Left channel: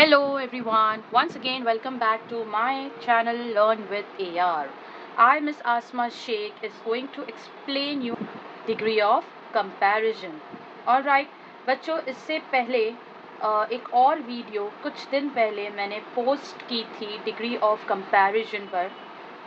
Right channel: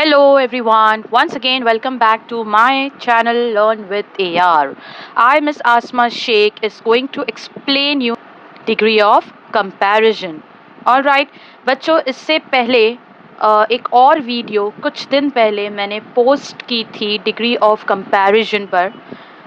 Hello everyone, once again welcome back to my channel Learn with AR. I Miss Asma Sheikh is going to explain you degree of comparison. Alright, बच्चों इससे पहले एक और video कुछ दिन पहले मैंने पोस्ट की थी डिग्री ऑफ कंपैरिजन पर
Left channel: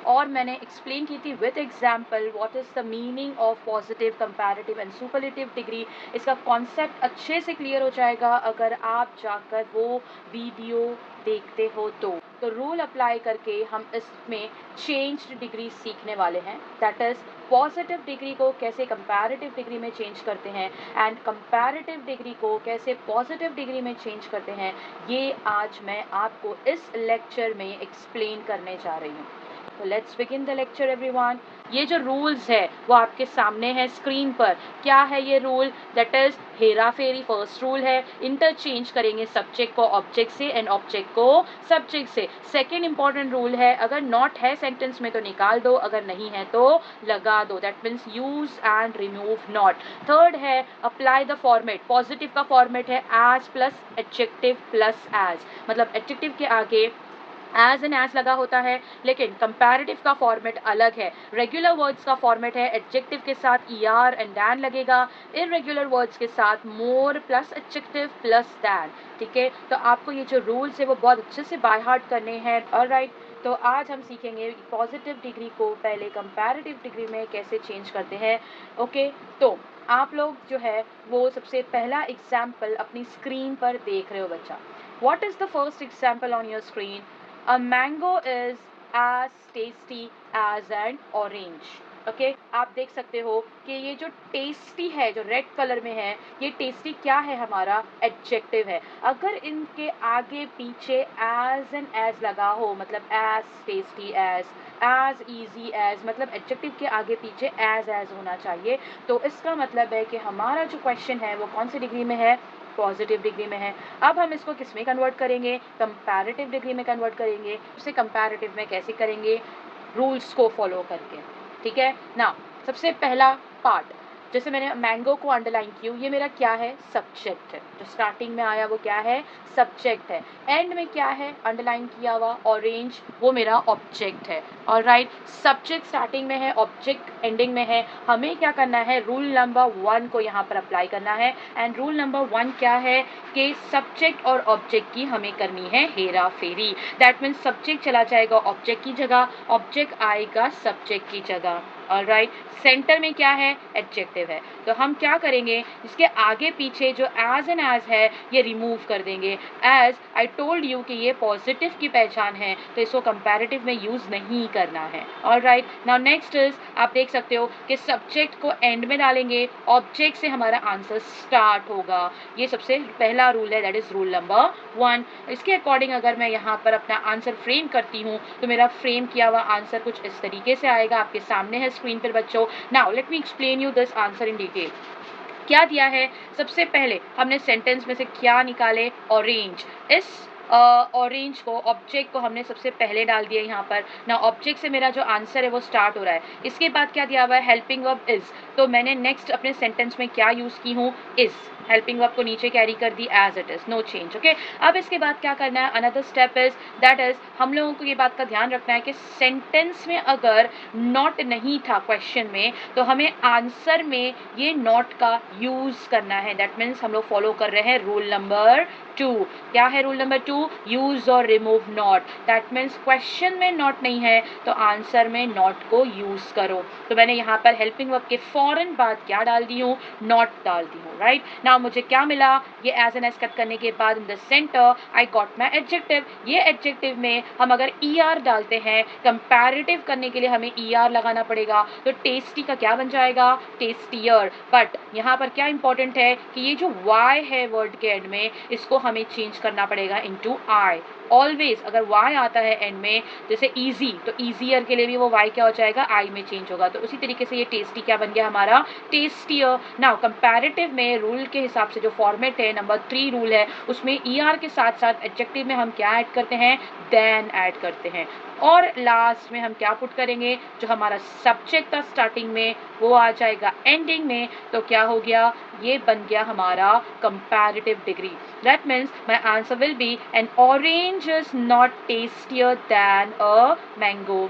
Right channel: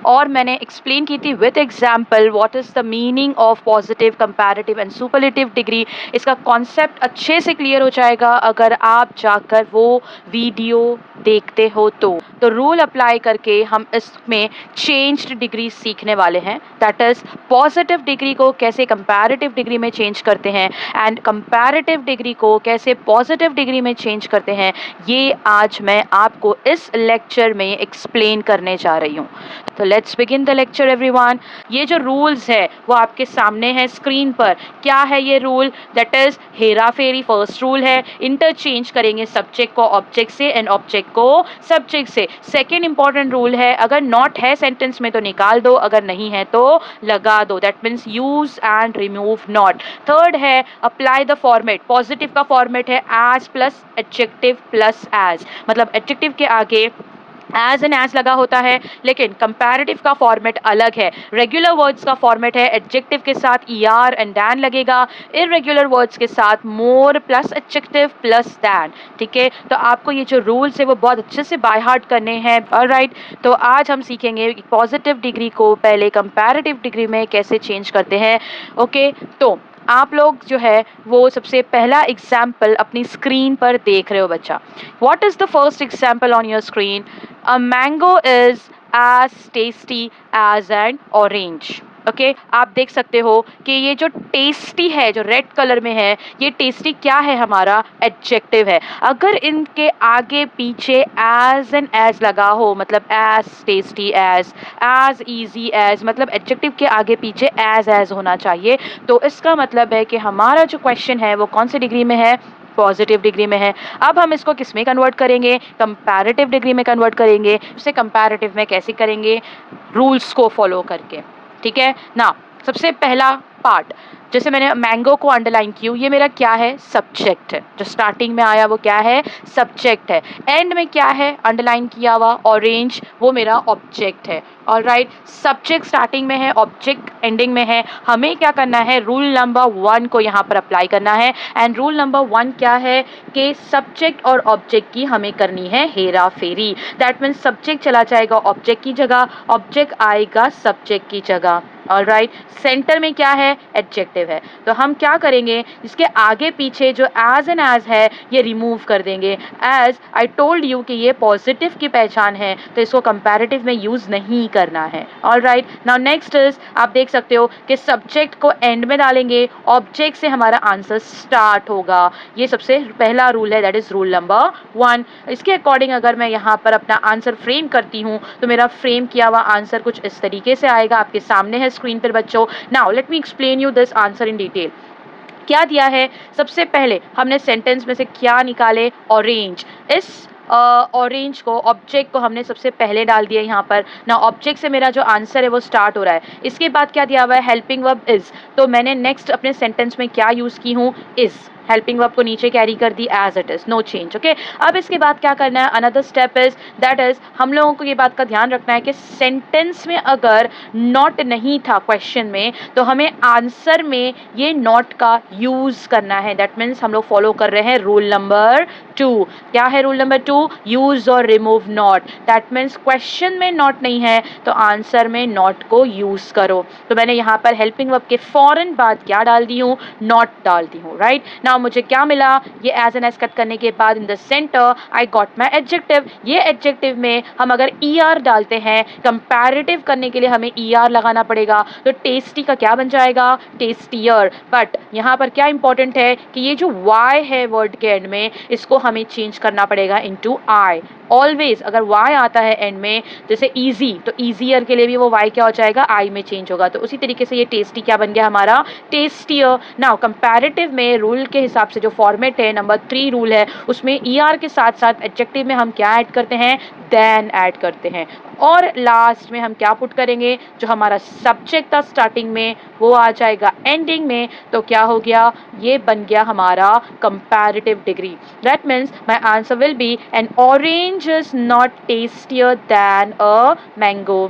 और मैंने एक्सप्लेन की थी with example what is the meaning of positive comparative and superlative degree. इसका कॉन्सेप्ट अच्छे से क्लियर हो जाएगा अगर आप जाकर वो वीडियो देखते हो तो रूल अप्लाई करके हम इसमें चेंज्ड डिग्री सीखने वाले हैं। दैट इज़ पॉजिटिव डिग्री को कैसे कंपैरेटिव डिग्री में चेंज करते हैं एंड कंपैरेटिव डिग्री को कैसे पॉजिटिव डिग्री में चेंज करते हैं, ये आज मैं आपको इस लेक्चर में एक्सप्लेन करने जा रही हूँ। तो let's begin the lecture everyone. ये जो रूल्स है वो आपके सामने है स्क्रीन पर। क्या है ये रूल? दैट इज हेरा फेरी फर्स्ट रूल है, इंटरचेंज करेंगे सब्जेक्ट को ऑब्जेक्ट से एंड ऑब्जेक्ट को सब्जेक्ट से। सेकेंड इंपॉर्टेंट रूल है, अगर नॉट है सेंटेंस में तो निकाल दो, अगर नहीं है तो लगा दो। That means use and remove not. Third है अप्लाई द फॉर्मेट। पॉजिटिव का फॉर्मेट है as plus adjective plus as, मतलब एडजेक्टिव के आगे एज एंड एज लगा होता है, लेकिन कंपैरेटिव का फॉर्मेट अलग है। रेगुलर वर्ड्स का फॉर्मेट है एडजेक्टिव के साथ ईआर एंड दैन लगेगा, इरेगुलर वर्ड्स के साथ मोर प्लस एडजेक्टिव प्लस दैन। ठीक है, तो आपको ये जो रूल्स है वो बहुत अच्छे से बाय हार्ट करने हैं। ऑलराइट, तो आज हम सीखेंगे पॉजिटिव डिग्री को पहले कंपैरेटिव डिग्री में कैसे चेंज करते हैं। ओके, तो आप लोग जो है वो सबसे पहला एग्जाम्पल अपनी स्क्रीन पर देख रहे हो बच्चा। What is the first example on your screen? A mango is as tasty as an orange. Okay, आप देख सकते हो कि ये जो टेस्टी है जो रेड कलर में है, ये टेस्टी क्या है? हमारा एडजेक्टिव है। अगर इनके आगे पीछे एज एंड एज लगा हो, मतलब as tasty as easy as, मतलब एडजेक्टिव के आगे पीछे एज होना चाहिए। तो इसका मतलब है कि हमारा जो क्वेश्चन है वो कौन सी डिग्री में है? पॉजिटिव डिग्री में है। अब हम इसको किस में कन्वर्ट करेंगे? कंपैरेटिव डिग्री में कन्वर्ट करेंगे। उसे कंपैरेटिव में कैसे करेंगे? रूल्स को फॉलो करके। ठीक है ना। सबसे पहला पार्ट, जैसे मैंने मैंगो को अंडरलाइन की हूँ, ये मेरा क्या है? सब्जेक्ट है। जो स्टार्टिंग में आया वो क्या है? सब्जेक्ट है। एंड में क्या है अंडरलाइन किया हुआ? ऑरेंज, वो मेरा ऑब्जेक्ट है। ऑलराइट, सब्जेक्ट स्टार्टिंग में है, ऑब्जेक्ट एंडिंग में है। हमें क्या करना है? रूल नंबर 1 को यहाँ पर अप्लाई करना है। एंड रूल नंबर 1 क्या है कि सब्जेक्ट और ऑब्जेक्ट की हमें करनी है हेरा फेरी। दैट मीन्स सब्जेक्ट चला जाएगा ऑब्जेक्ट की जगह, ऑब्जेक्ट आएगा सब्जेक्ट की जगह। ऑलराइट, सेंटर में क्या है? एडजेक्टिव है। तो हम क्या करेंगे? इसके आगे पीछे जो एज एंड एज है ये रिमूव कर देंगे। एज आई टोल्ड यू कि ये पॉजिटिव की पहचान है, तो इसको कंपैरेटिव में यूज नहीं करना है। ऑलराइट, नाउ नेक्स्ट इज, आप देख सकते हो कि सब्जेक्ट को एंड में डालेंगे, ऑब्जेक्ट से हमारा आंसर स्टार्ट होगा। ये सबसे पहला रूल है, दैट इज रूल नंबर 1। इसके अकॉर्डिंग अगर मैं यहाँ पर अपना आंसर फ्रेम करती हूँ तो मेरा फ्रेम किया हुआ आंसर कुछ इस तरीके से आएगा, आपके सामने है स्क्रीन पर बच्चों। Now let me explain you this answer in detail. क्या दिया है? सबसे पहले हमने सेंटेंस में से क्या निकाले? ऑरेंज। इस ऑरेंज को, ऑब्जेक्ट को हमने सबसे पहले डाल दिया यहाँ पर ना। ऑब्जेक्ट से मेरा जो आंसर है वो स्टार्ट हो रहा है। इसके बाद क्या दिया हुआ है? Helping verb is. तो मैंने नेक्स्ट अपने सेंटेंस में क्या यूज की हूँ? इज। हेल्पिंग वर्ब को नीचे कैरी कर दी as it is, no change. Okay, अब इसके बाद क्या करना है? Another step is, that is हम लोगों को ये बात का ध्यान रखना है कि सेंटेंस में अगर नॉट नहीं था क्वेश्चन में, तो हमें आंसर में ये नॉट का यूज करना है। दैट मीन्स हम लोग फॉलो कर रहे हैं रूल नंबर 2। क्या है रूल नंबर 2? यूज और remove not. That means question में नॉट नहीं है तो आंसर में नॉट को यूज करो। तो मैंने यहाँ पर हेल्पिंग वर्ब के फौरन बाद क्या डाल दी हूँ? नॉट डाल दी हूँ। राइट, नाउ मुझे क्या मिला? ये एज एन एज कट करने के बाद in the centre I got my adjective. ये एडजेक्टिव में हम अगर ER डालते हैं, कंपैरेटिव करने के लिए हमें ER लगाना पड़ेगा, तो टेस्टी का क्या बन जाएगा? टेस्टियर। बट यहाँ पर क्या इंपॉर्टेंट है कि ये जो Y है वर्ड के एंड में, इसको हमें चेंज करना पड़ेगा इनटू I। ऑलवेज अगर Y आता है एंड में, जैसे इजी, तो ईजियर के लिए भी वो Y क्या हो जाएगा? I में चेंज होगा। तो उसी तरीके से ये टेस्टी क्या बन गया? हमारा टेस्टियर। नाउ कंपैरेटिव में रूल के हिसाब से जो फॉर्मेट है, नंबर 3 रूल है, उसमें ER के साथ साथ एडजेक्टिव में हम क्या ऐड करते हैं? देन ऐड करते हैं। और लास्ट में हम क्या पुट करेंगे, जो हमारा सब्जेक्ट था स्टार्टिंग में वो आ जाएगा एंडिंग में। तो क्या हो गया, ये बन गया हमारा comparative degree. That means my answer will be N orange is not tastier then a mango.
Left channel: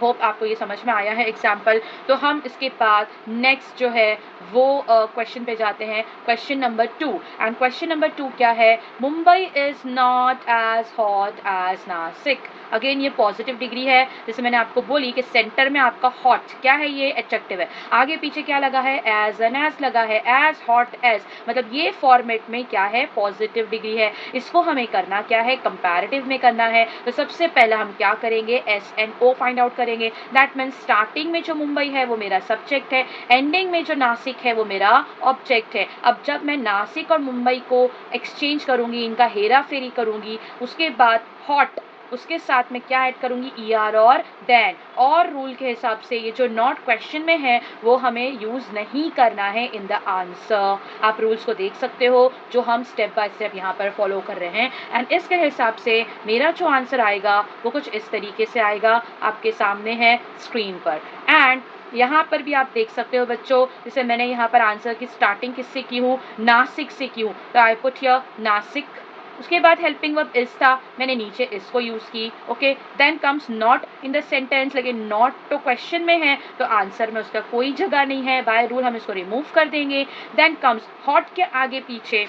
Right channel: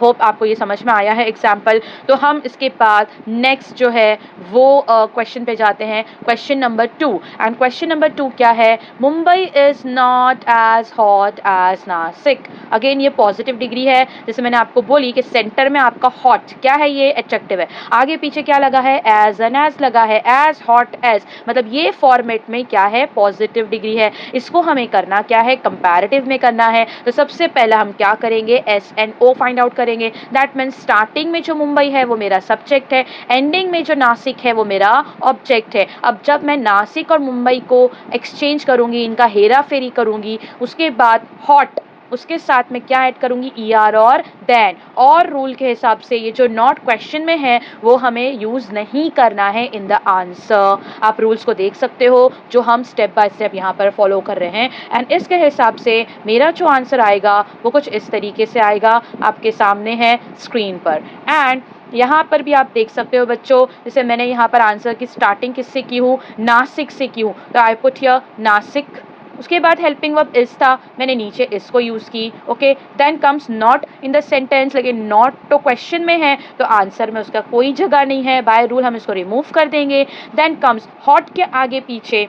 Hope आपको ये समझ में आया है एग्जाम्पल। तो हम इसके बाद नेक्स्ट जो है वो क्वेश्चन पे जाते हैं, question number 2। And question number 2 क्या है, Mumbai is not as hot as Nashik. Again ये पॉजिटिव डिग्री है, जैसे मैंने आपको बोली कि सेंटर में आपका हॉट क्या है, ये एडजेक्टिव है, आगे पीछे क्या लगा है, एज एन एज लगा है, एज हॉट एज, मतलब ये फॉर्मेट में क्या है, पॉजिटिव डिग्री है। इसको हमें करना क्या है, कंपैरेटिव में करना है। तो सबसे पहला हम क्या करेंगे, S N O find out करेंगे। दैट मीन्स स्टार्टिंग में जो मुंबई है वो मेरा सब्जेक्ट है, एंडिंग में जो नासिक है वो मेरा ऑब्जेक्ट है। अब जब मैं नासिक और मुंबई को एक्सचेंज करूंगी, इनका हेरा फेरी करूंगी, उसके बाद हॉट, उसके साथ में क्या ऐड करूंगी, ई आर और देन। और रूल के हिसाब से ये जो नॉट क्वेश्चन में है वो हमें यूज नहीं करना है इन द आंसर। आप रूल्स को देख सकते हो जो हम स्टेप बाय स्टेप यहाँ पर फॉलो कर रहे हैं। एंड इसके हिसाब से मेरा जो आंसर आएगा वो कुछ इस तरीके से आएगा, आपके सामने है स्क्रीन पर। एंड यहाँ पर भी आप देख सकते हो बच्चों, जैसे मैंने यहाँ पर आंसर की स्टार्टिंग किससे की हूँ, नासिक से की हूँ, तो आई पुट हियर नासिक। उसके बाद हेल्पिंग वर्ब इज था, मैंने नीचे इसको यूज की। Okay, then comes not in the sentence, लेकिन नॉट तो क्वेश्चन में है तो आंसर में उसका कोई जगह नहीं है, बाय रूल हम इसको रिमूव कर देंगे। देन कम्स हॉट के आगे पीछे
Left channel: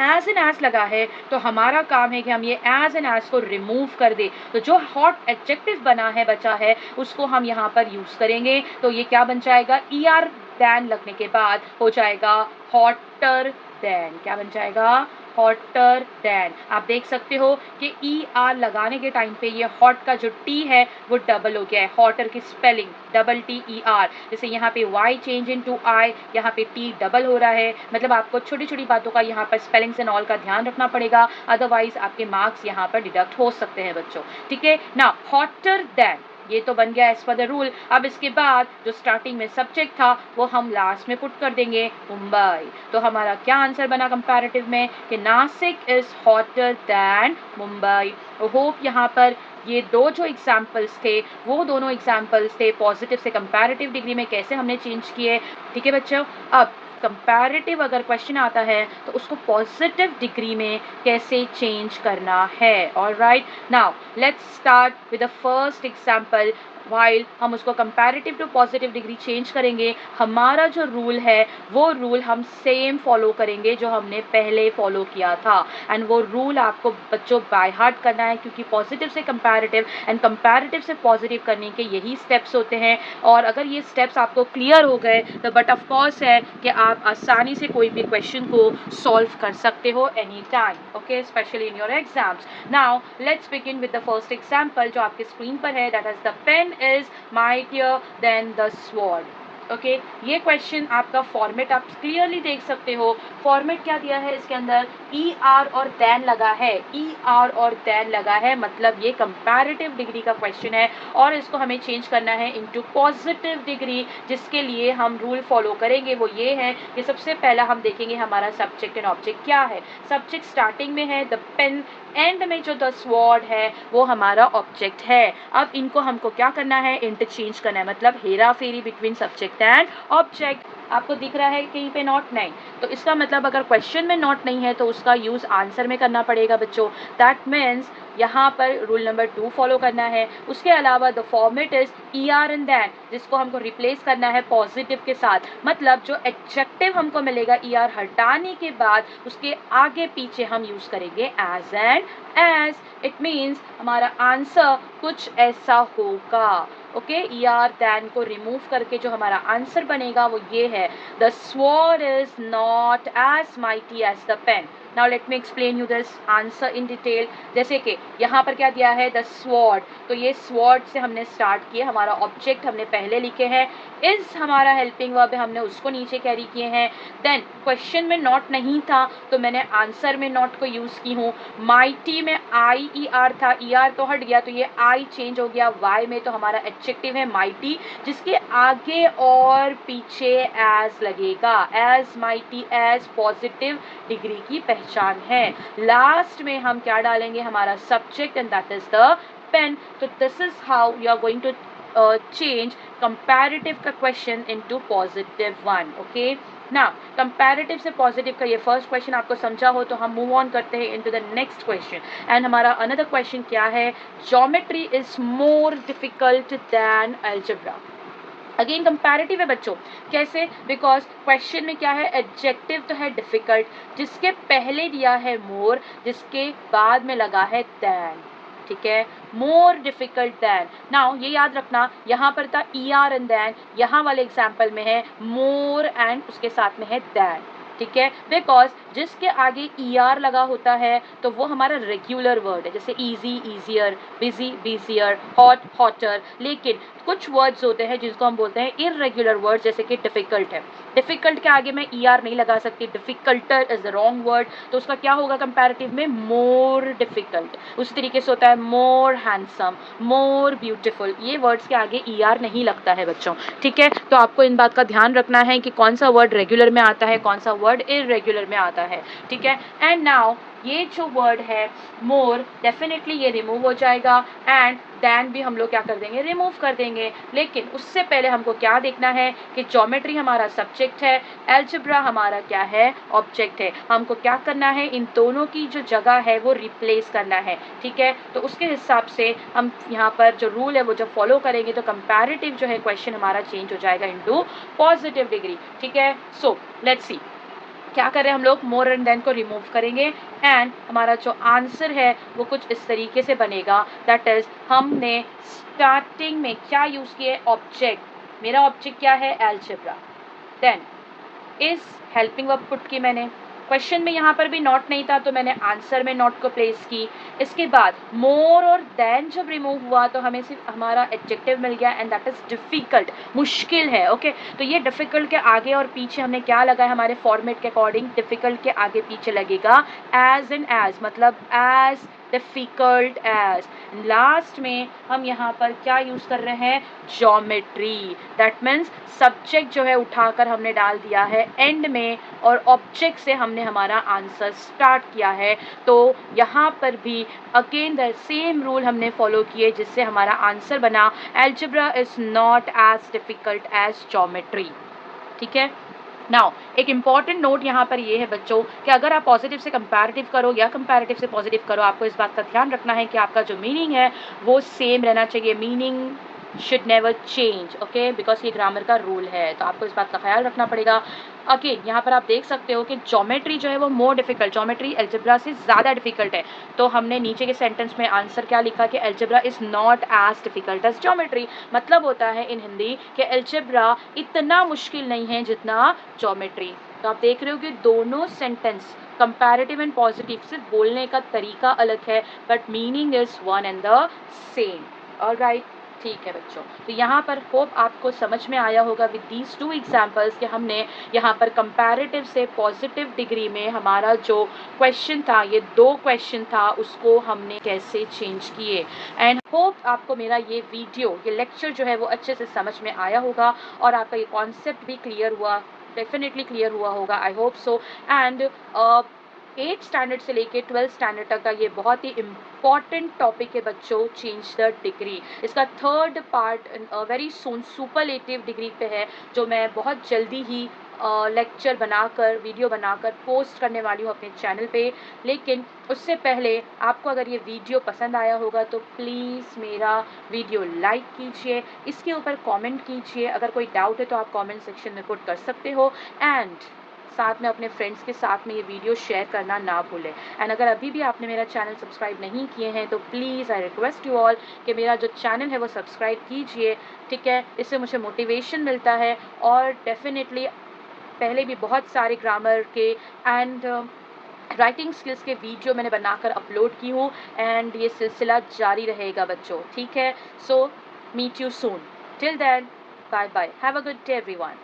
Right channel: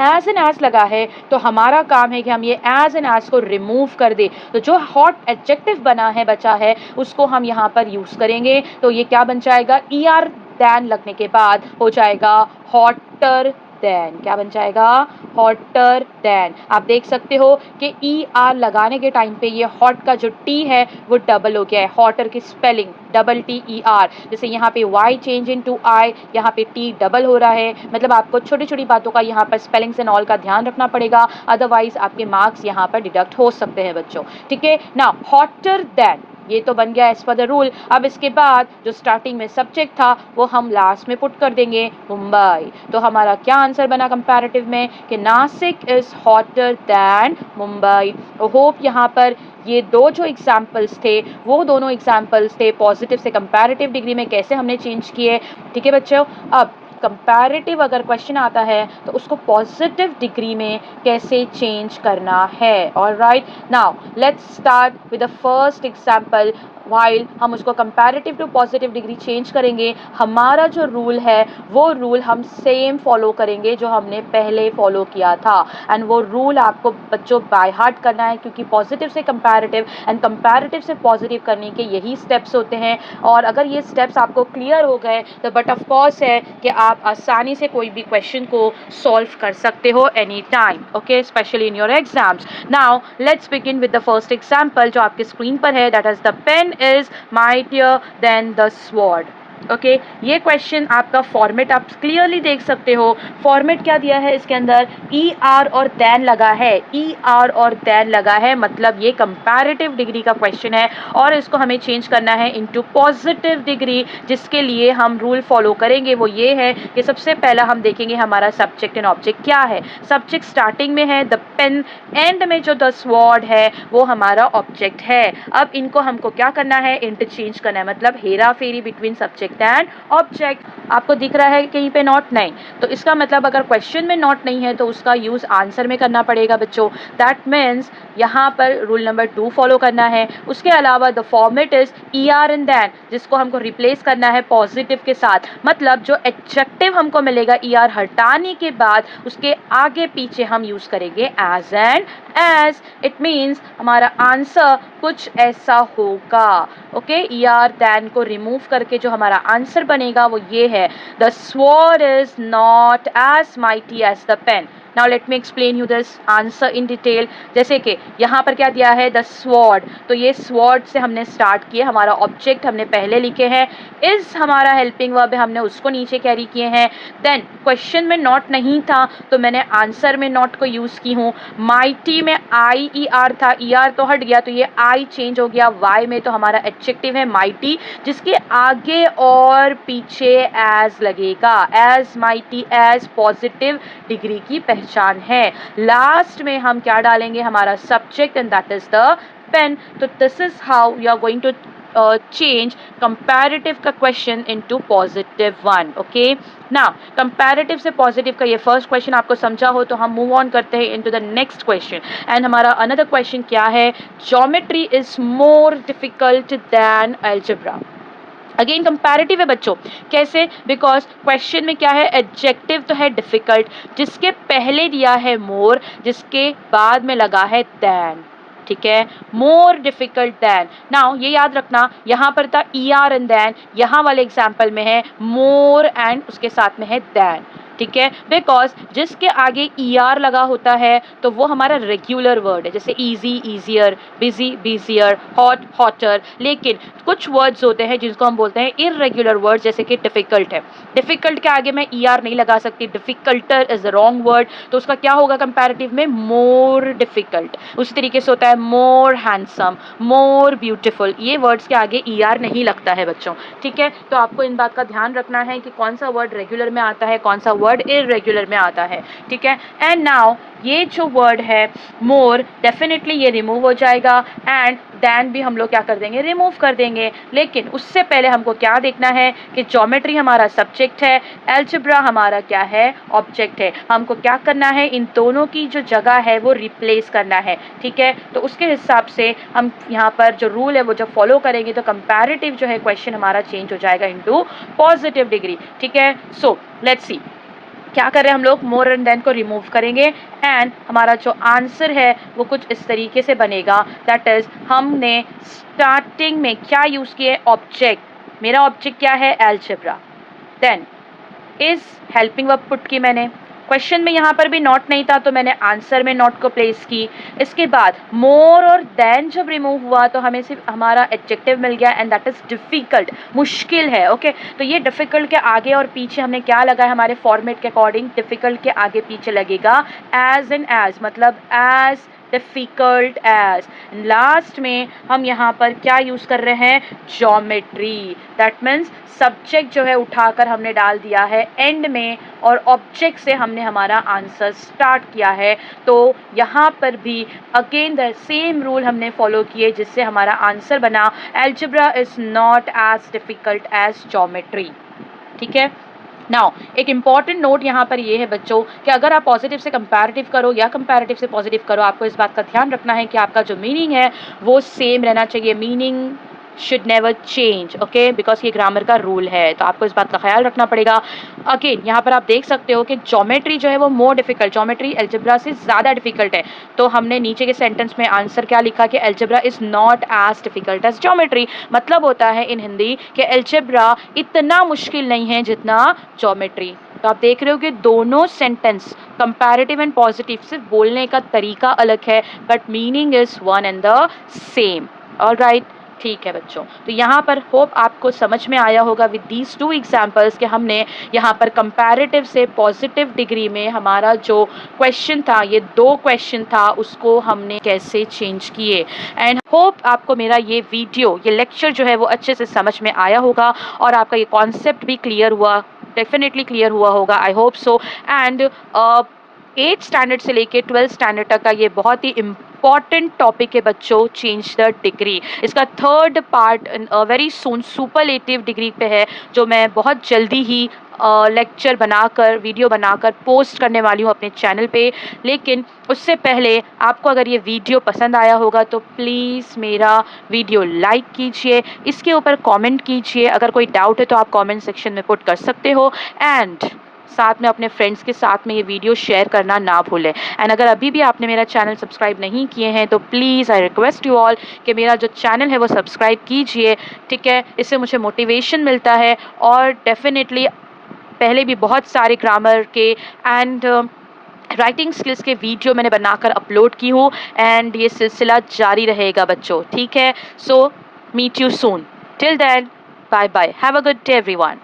एज एन एज लगा है, तो हमारा काम है कि हम ये एज एन एज को रिमूव कर दे। तो जो हॉट एडजेक्टिव बना है, बचा है, उसको हम यहाँ पर यूज करेंगे। तो ये क्या बन जाएगा, ई आर देन लगने के बाद हो जाएगा हॉटर देन। क्या बन जाएगा, हॉटर देन। आप देख सकते हो कि ई आर लगाने के टाइम पे ये हॉट का जो टी है वो डबल हो गया है, हॉटर की spelling double T E R. जैसे यहाँ पे वाई चेंज इन टू आई, यहाँ पे टी डबल हो रहा है, मतलब आपको छोटी छोटी बातों का यहाँ पर स्पेलिंग्स एंड ऑल का ध्यान रखना पड़ेगा, अदरवाइज आपके मार्क्स यहाँ पर डिडक्ट हो सकते हैं बच्चों। ठीक है ना, हॉटर देन ये तो बन गया एज पर द रूल। अब इसके बाद जो स्टार्टिंग में सब्जेक्ट था वो हम लास्ट में पुट कर देंगे मुंबई। तो हमारा क्या आंसर बना कंपैरेटिव में कि Nashik is hotter than Mumbai. Hope यहाँ पर ये दो जो एग्जाम्पल्स थे वो दोनों एग्जाम्पल्स थे पॉजिटिव से कंपैरेटिव डिग्री में कैसे हमने चेंज किए। ठीक है बच्चों, अब कंपैरेटिव अगर क्वेश्चन आता है तो उसको पॉजिटिव डिग्री में कैसे चेंज करना है। Alright, now let's start with the first example. While हम उसको comparative to positive degree change करेंगे, हमारा जो रूल है वो रूल हम सेम फॉलो करेंगे जो हमने पहले फॉलो किया था। एंड वो रूल आपको बच्चों बाय हार्ट करना है, क्योंकि पॉजिटिव से कंपैरेटिव एंड कंपैरेटिव से पॉजिटिव करने के यही स्टेप्स होते हैं। और अगर ये स्टेप्स आपको क्लियर हो गए तो बट ऑफ कोर्स है कि आप आसानी से कोई भी क्वेश्चन को सॉल्व कर सकते हो any time. Okay, specially in your exams. Now let's begin with the first example जो आपके स्क्रीन पर है, that is the pen is mightier than the sword. Okay, ये क्वेश्चन आपका फॉर्मेट आप क्लियरली देख सकते हो। फॉर्मेट क्या दिया है इसके अंदर, ई आर और देन लगा है, ई आर और देन लगा है, मतलब ये कंपैरेटिव डिग्री का क्वेश्चन है और इसको हमें चेंज करना है इनटू पॉजिटिव डिग्री। जिसके लिए हम रूल फॉलो करेंगे वो ये है कि सबसे पहला हम देखेंगे हमारा सब्जेक्ट एंड ऑब्जेक्ट क्या है। सब्जेक्ट स्टार्टिंग में है द पेन, एंड में जो द स्वॉर्ड है वो हमारा ऑब्जेक्ट है। अब इनको हमको क्या करना है, इंटरचेंज करना है, मतलब हेरा फेरी बिटवीन सब्जेक्ट एंड ऑब्जेक्ट। आपको दिख रहा है कहीं पे नॉट, नहीं, तो इसका मतलब अगर क्वेश्चन में नॉट नहीं है तो उसका यूज आंसर में करना पड़ेगा बच्चों। दैट मीन्स यहाँ पर रूल नंबर 2 फॉलो करना है। उसके अलावा the format is E R and then, जिसको हमको रिप्लेस करना है पॉजिटिव के साथ, मतलब जो एडजेक्टिव हमको मिलेगा ई आर हटाने के बाद उसके आगे पीछे हम यूज करेंगे as and as. It means हमारा आंसर कुछ ऐसा होगा। ओके, ई आर देन को रिमूव करके जो हमारा आंसर बनेगा वो ये है, the sword is not as mighty as the pen. Now let me explain you this answer in detail. जैसे कि यहाँ पर क्या दिया है, द स्वॉर्ड, तो ये स्वॉर्ड से हमने स्टार्ट किया, हमारा ऑब्जेक्ट हमने पहले लिखे हैं, इज हमारा हेल्पिंग वर्ब है, हमने उसको नीचे कैरी किए हैं। देन क्वेश्चन में नॉट नहीं था तो मैंने आंसर में नॉट को यूज की हूँ। माइटी में आई ई आर था, ई आर तो हट गया तो ये आई चेंज हो गया, वाई में तो हमारा एडजेक्टिव है माइटी, जिसके आगे और पीछे एज लगेगा, as mighty as positive degree की पहचान है। लास्ट में हम क्या डालेंगे, हमारा subject, and that is the pen. तो this is how you are going to change comparative का question into positive one. Okay, now comparative से positive का ये first question आपको समझा हो तो हम move on करते हैं into the next question. And हमारा another question क्या है, geometry is more difficult than algebra. Again comparative है बच्चों, कैसे, बिकॉज क्वेश्चन में क्या है, एडजेक्टिव तो है डिफिकल्ट, जिसके पहले दिया है मोर, जिसके बाद में लगा है दैन, ठीक है, मोर डिफिकल्ट दैन। नाउ ये याद रखना, यहाँ पर था ई आर एंड दैन, यहाँ वाले एग्जाम्पल में है मोर एंड उसके साथ में है दैन, ठीक है, बिकॉज जिसके आगे ई आर लगा होता है तो वो हमारा रेगुलर वर्ड है, जैसे easy easier, busy busier, hot hotter. लेकिन कुछ वर्ड्स होते हैं जिनको हम बोलते हैं इररेगुलर वर्ड्स, जैसे कि डिफिकल्ट है, डिफिकल्ट के आगे मैं ई आर नहीं लगा सकती, डिफिकल्टर इज द रॉन्ग वर्ड, तो उसका क्या होगा कंपैरेटिव में, मोर डिफिकल्ट। उसी तरीके से होता है मोर हैंडसम, मोर ब्यूटीफुल, ये वर्ड्स के आगे ई आर नहीं लगता है बच्चों, ठीक है। तो आपको इन बात का ध्यान रखना है कि कौन सा वर्ड रेगुलर में आता है, कौन सा वर्ड इररेगुलर में आता है, ठीक है। एंड नाउ ये जो वर्ड है मोर, डेफिनेटली ये रिमूव हो जाएगा, एंड दैन भी हम लोग क्या कर देंगे, रिमूव कर देंगे। लेकिन उससे पहले हमको क्या देखना है कि ज्योमेट्री हमारा सब्जेक्ट है, अलजेब्रा हमारा क्या है, ऑब्जेक्ट है। हमको क्या करना है, इन दोनों की जो जगह है वो रिप्लेस करना है, ठीक है। तो उसके हिसाब से हम यहाँ पर जो रूल है वो जब फॉलो करेंगे तो कंपैरेटिव जो है क्वेश्चन हमारा चेंज हो जाएगा इनटू पॉजिटिव डिग्री, ठीक है। सो लेट्स सी क्या कर रहे हैं हम लोग, मोर एंड देन को रिमूव करेंगे, एंड हमारा जो आंसर है वो कुछ इस तरीके से बनेगा, दैट इज हमने स्टार्टिंग में क्या यूज किया, ऑब्जेक्ट, मेरा ऑब्जेक्ट क्या है, algebra, then is helping verb put की मैंने, क्वेश्चन में यहाँ पर भी नॉट नहीं था तो मैंने आंसर में नॉट को प्लेस की। इसके बाद मोर और देन जब रिमूव हुआ तो हमें सिर्फ हमारा एडजेक्टिव मिल गया, एंड दैट इज डिफिकल्ट, मुश्किल है, ओके। तो ये डिफिकल्ट के आगे और पीछे हमने क्या लगाया, हमारे फॉर्मेट के अकॉर्डिंग डिफिकल्ट के आगे पीछे लगेगा एज एंड एज, मतलब एज डिफिकल्ट एज। लास्ट में हम यहाँ पर क्या यूज कर रहे हैं, ज्योमेट्री, दैट मीन्स सब्जेक्ट जो है उठाकर हमने डाल दिया है एंड में, और ऑब्जेक्ट से हमने हमारा आंसर स्टार्ट किया है। तो यहाँ पर भी अगेन द सेम रूल हमने फॉलो किए जिससे हमारा आंसर बना, algebra is not as difficult as geometry, ठीक है। नाउ एक इंपॉर्टेंट नोट यहाँ पर ये है बच्चों कि अगर आप पॉजिटिव से कंपैरेटिव करो या कंपैरेटिव से पॉजिटिव करो, आपको इस बात का ध्यान रखना है कि आपका जो मीनिंग है वो सेम रहना चाहिए, meaning should never change, okay, because ये ग्रामर का रूल है, तो आपको इस बात का ख्याल रखना पड़ेगा। अगेन यहाँ पर आप देख सकते हो कि ज्योमेट्री जो है वो मोर डिफिकल्ट, ज्योमेट्री अलजेब्रा से ज़्यादा डिफिकल्ट है, तो हमने नीचे के सेंटेंस में आंसर क्या लिखा कि algebra is not as difficult as geometry. मतलब होता है इन हिंदी कि अलजेब्रा इतना मुश्किल नहीं है जितना ज्योमेट्री। तो आप देख रहे हो कि दोनों सेंटेंस कंपैरेटिव एंड पॉजिटिव सिर्फ बोलने का तरीका अलग है, but meaning is one and the same, alright, ठीक है बच्चों। तो यहाँ पर होप आपको समझ में आया होगा विद दीज टू एग्जाम्पल्स कि हमने यहाँ पर कंपैरेटिव से पॉजिटिव डिग्री में हमारा जो क्वेश्चन था, ये दो क्वेश्चन था, उसको हमने कैसे चेंज किए। एंड होप आपको मेरा ये वीडियो, ये लेक्चर जो है वो अच्छे से समझ में आया होगा और आपका ये कॉन्सेप्ट भी क्लियर हुआ, डेफिनेटली क्लियर हुआ होगा, I hope so. And 8th standard से लेके 12th स्टैंडर्ड तक का ये बहुत ही इम्पॉर्टेंट टॉपिक है बच्चों, चेंज द डिग्री। इसका third part very soon superlative degree पे है, जो मैं बहुत जल्दी ही लेक्चर बनाकर, वीडियो बनाकर पोस्ट करने वाली हूँ अपने चैनल पे। लेकिन उससे पहले आपको अगर ये वीडियो पसंद आया होगा तो प्लीज़ मेरा वीडियो लाइक कीजिए, इसके ऊपर कमेंट कीजिए, अगर कोई डाउट है तो आप कमेंट सेक्शन में पुट कर सकते हो, एंड साथ में अपने फ्रेंड्स के साथ में ये वीडियो शेयर करना ना भूलें। एंड अगर अभी भी आपने मेरा चैनल सब्सक्राइब नहीं किए हैं तो please I request you all कि मेरा जो चैनल है वो सब्सक्राइब कीजिए, ठीक है। इससे मुझे मोटिवेशन मिलता है, और डेफिनेटली पहले भी बहुत सारे ग्रामर के एंड राइटिंग स्किल्स के वीडियो मैंने बनाकर अपलोड की हूँ, एंड ये सिलसिला जारी रहेगा बच्चों, ठीक है। So meet you soon, till then bye bye, have a good day everyone.